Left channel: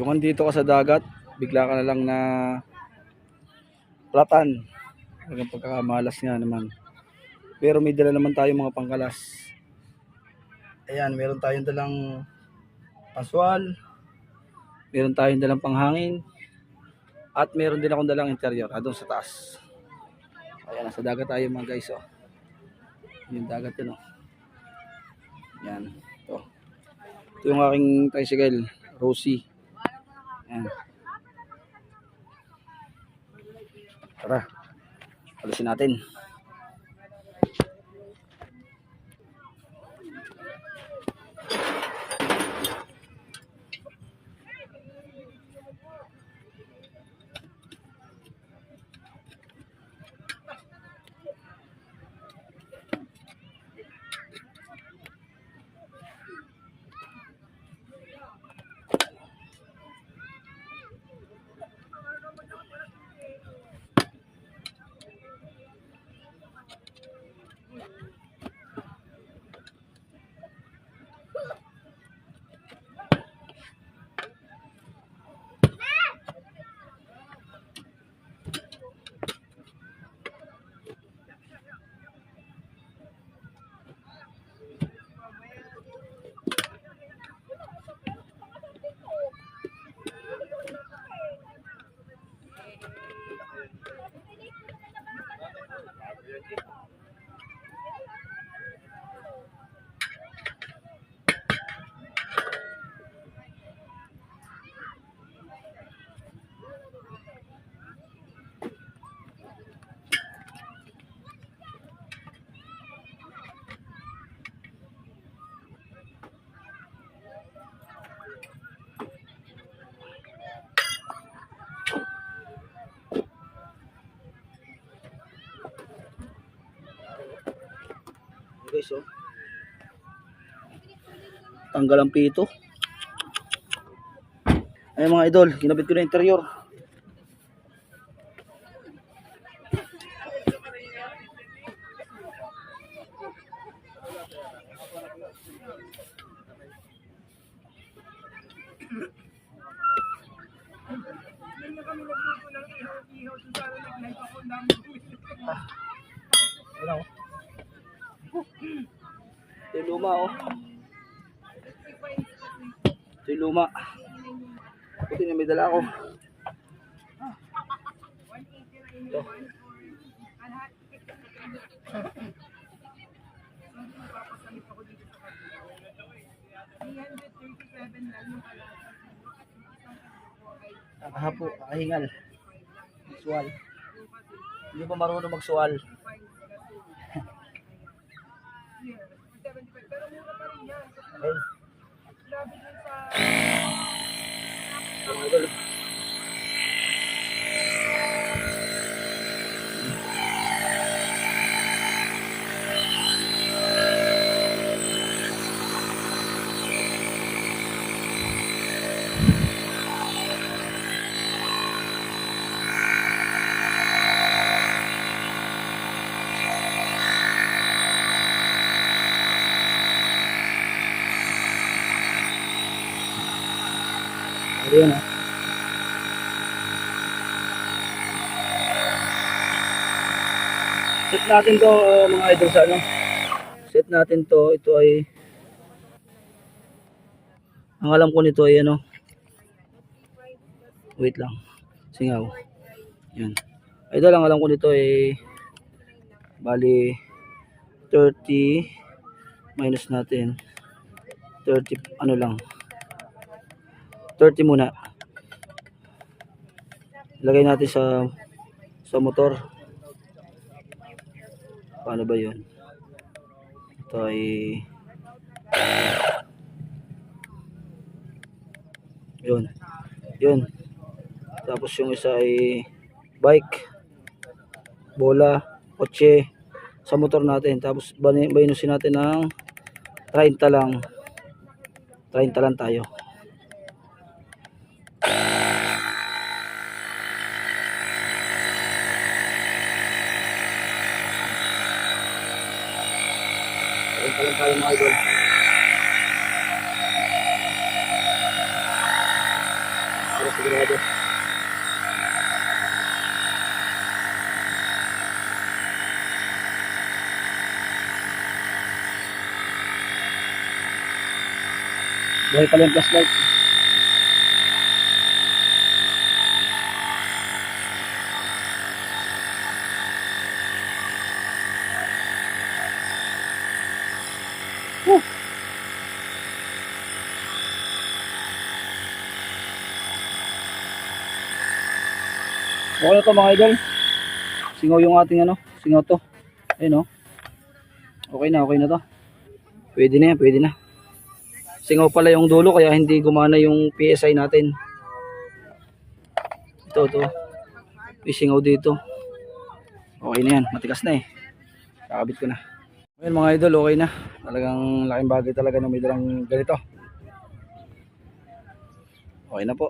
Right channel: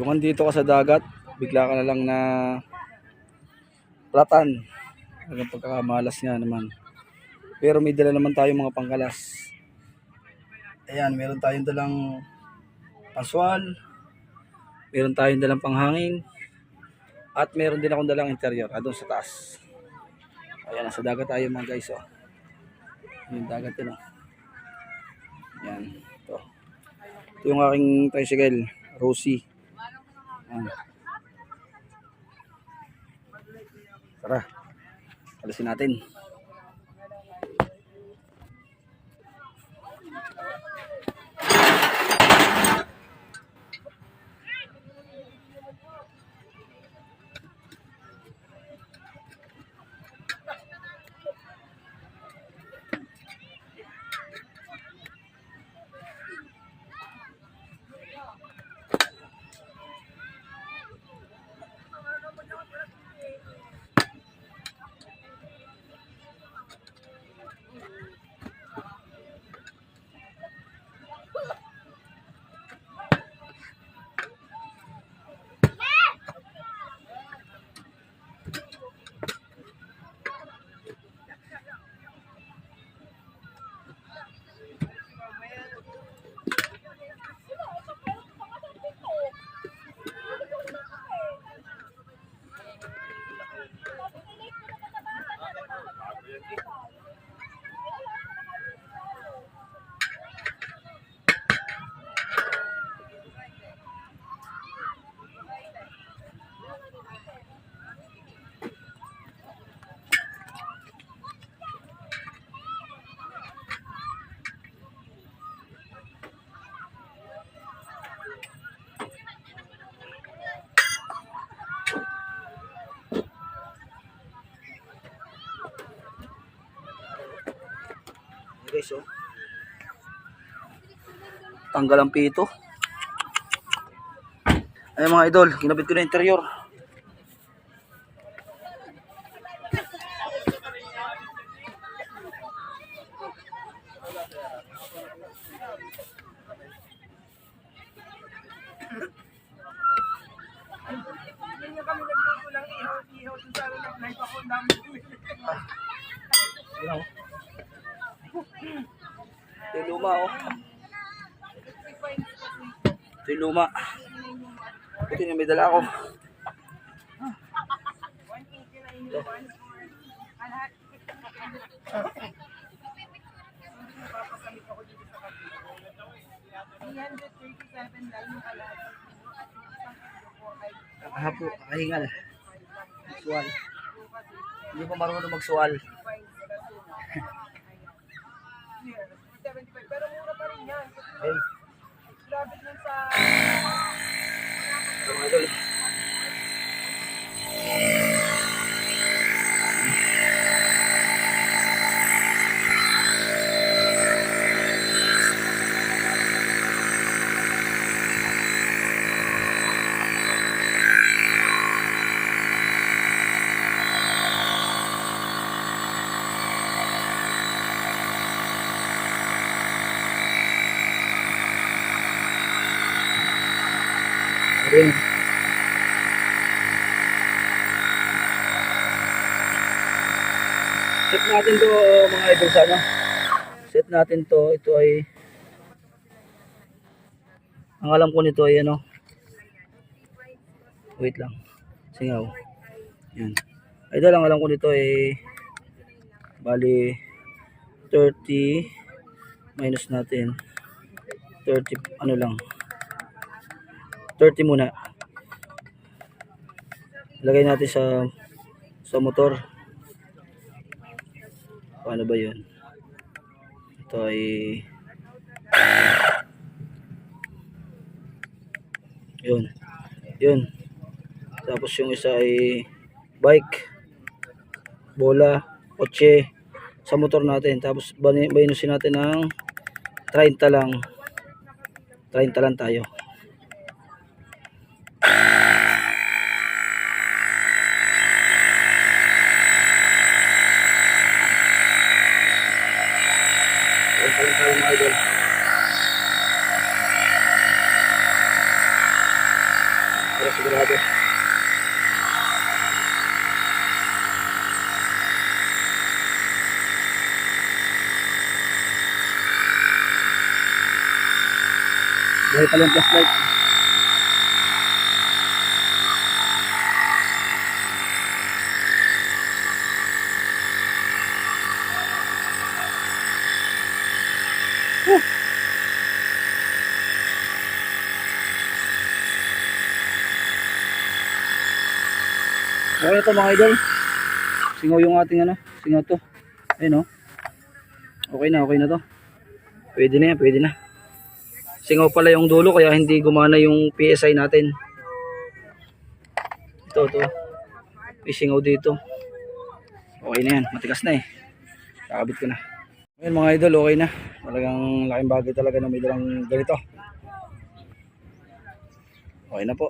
Yung andito ka sa dagat, bigla ka na lang na platan. Hanggang pagkakamalas nga naman. Pero may dala naman tayong mga pangkalas. Ayan, meron tayong dalang panswal, meron tayong dalang panghangin, at meron din akong dalang interior doon sa taas. Ayan, nasa dagat tayo mga guys. Oh. Yung dagat yun. Oh. Ayan. Ito yung aking tricycle, Rosie. Ayan. Tara, alisin natin. Guys, oh. Tanggal ang pito. Ayun mga idol, kinabit ko na interior. Ito yung luma, oh. Ito yung luma. Ito yung may dala ako. Ito. Nakahapo, nakahingal. Magsuwal. Hindi pa marunong magsuwal. Hey. Ito mga idol. Ayan. Set natin to mga idol sa ano. Set natin to, ito ay ang alam ko nito ay ano. Wait lang. Singaw. Yan. Idol, ang alam ko nito ay bali 30 minus natin 30 ano lang 30 muna. Lagay natin sa motor. Paano ba 'yun? Ito ay yun. Tapos yung isa ay bike, bola, kotse sa motor natin. Tapos bayinusin natin ng 30 lang. 30 lang tayo. Tayo mga idol. Para sigurado. Buhay pala yung flashlight. Okay na to mga idol. Singaw yung ating ano, singaw to. Ayun oh. Okay na to. Pwede na yan, pwede na. Singaw pala yung dulo kaya hindi gumana yung PSI natin. Ito. May singaw dito. Okay na yan, matigas na eh. Kakabit ko na. Ayun mga idol, okay na. Talagang laking bagay talaga na may dalang ganito. Okay na po.